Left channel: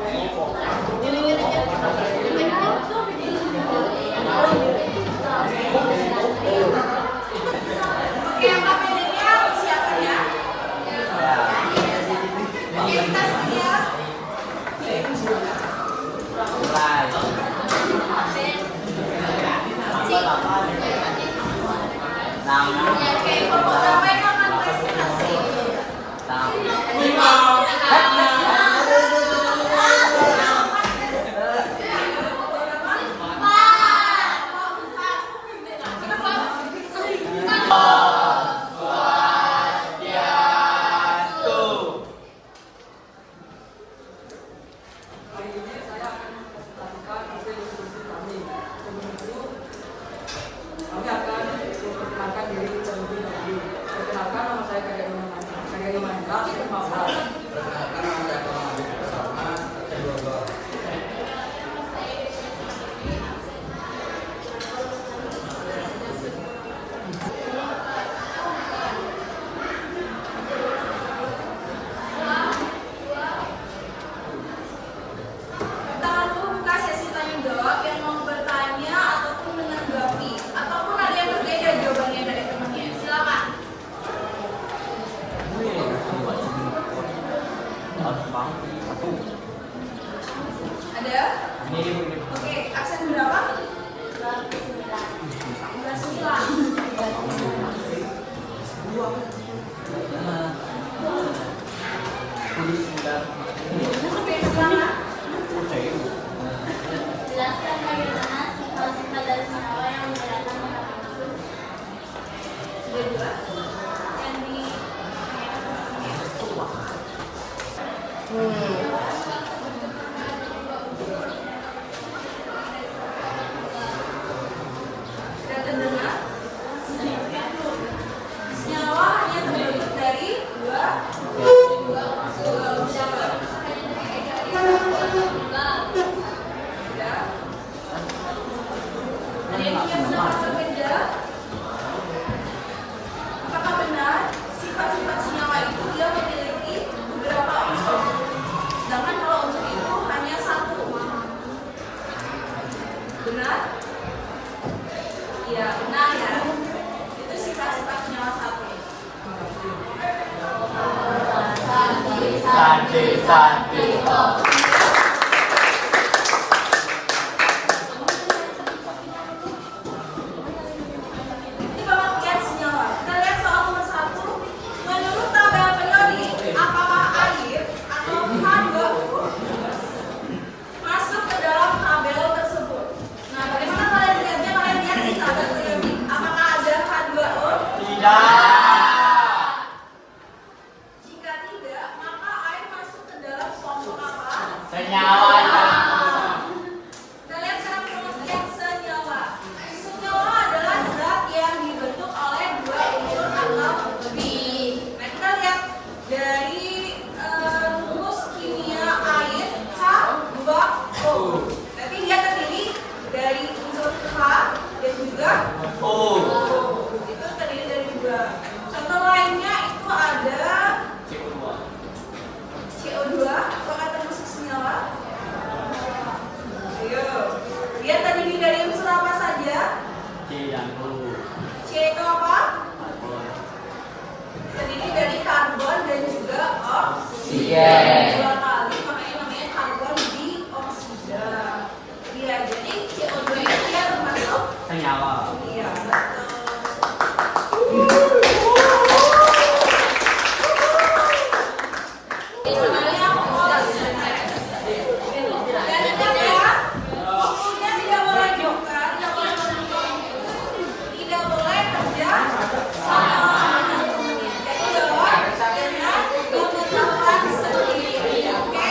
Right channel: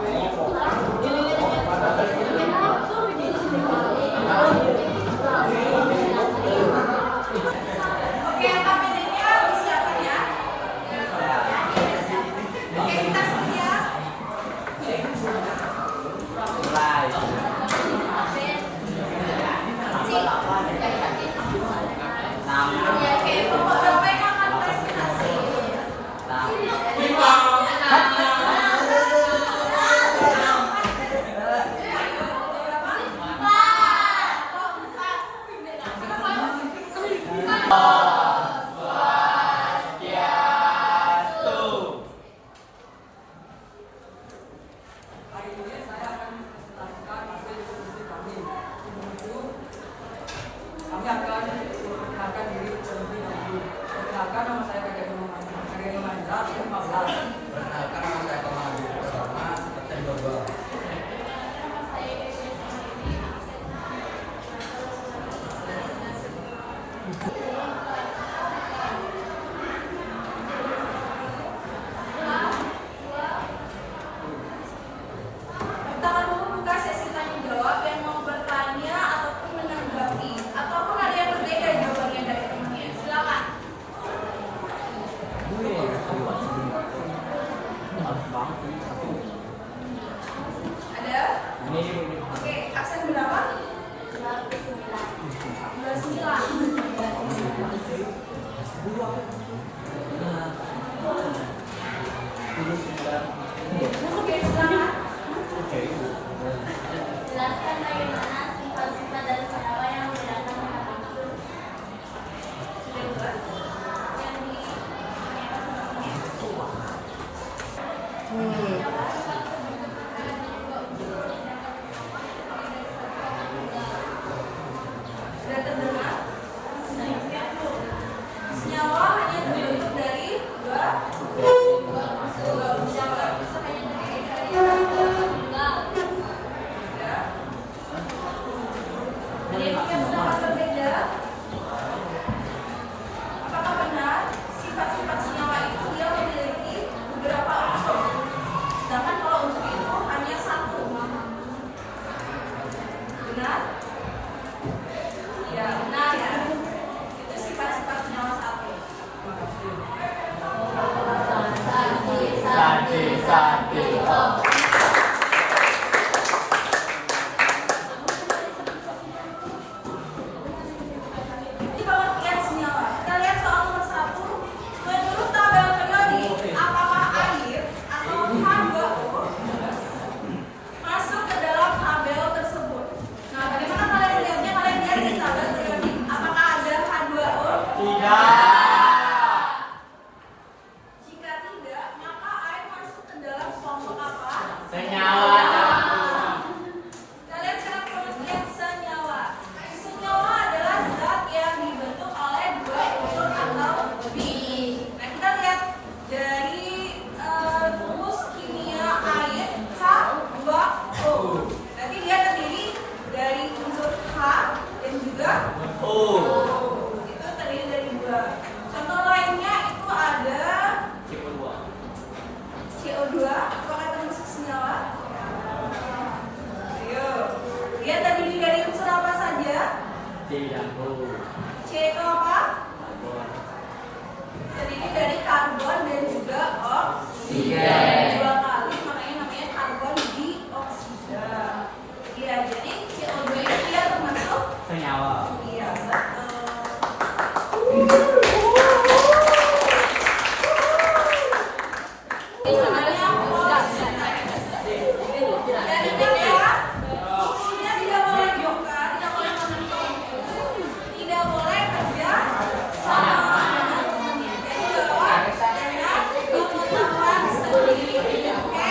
Oke, yang KPD-nya siapa ya? Oke, kita sedia. Oke, pegawai akan presentasi. Kami akan memperkenalkan diri terlebih dahulu. Perkenalkan, nama saya Kageni Mandra, 15. Pertama dulu buka sesi tanya jawab yang mau bertanya ataupun menanggapi ataupun ada yang berbeda jawabannya dari temannya. Silakan. Ada? Oke, aksen berapa? 9. Oke, semangat. Jelaskan bagaimana sifat-sifat dari senyawa yang membedakan antara makhluk. Sudah jelas? Yang di sudah terdengar? Senyawa hanya terbentuk dari dua unsur. Ya. Ada yang punya pendapat berbeda? Apakah benar sifat-sifat senyawa itu dia memiliki beberapa unsur? Sedangkan kalau unsur itu hanya satu. Benar? Iya, benar ya. Itu sifat-sifat senyawa satu. Ini pengertian senyawa. Kita lihat soal nomor 1. Menurut tabel periodik, apakah air atau H2O masuk ke dalam tabel tersebut? Nah, bagaimana kalian lihatnya? Kalian lihat di tabel periodik. Apakah ada H2O? Jika tidak, maka air masuk ke dalam kelompok apa? Kita lihat sekarang pengertian senyawa. Senyawa adalah zat yang dibentuk oleh dua unsur atau lebih. Nah, kita lihat dari rumus kimia air H2O. Berarti dia terdiri dari unsur H dan juga O. Itu terdiri dari dua. Contoh lainnya itu ada CO2. Apakah termasuk senyawa? Ayo. Dia terdiri dari unsur apa saja? C itu apa? Terdiri dari karbon dan juga oksigen. Dua kali, makanya namanya karbon dioksida. Iya, jadi CO2 itu dia termasuk Senyawa. iya, betul. Ini sebenarnya polos. Dan ingat ya, sukunya tidak boleh buka, tidak boleh menutup, tidak boleh kerja sama. Jadi jawab dengan kebutuhan sendiri, oke?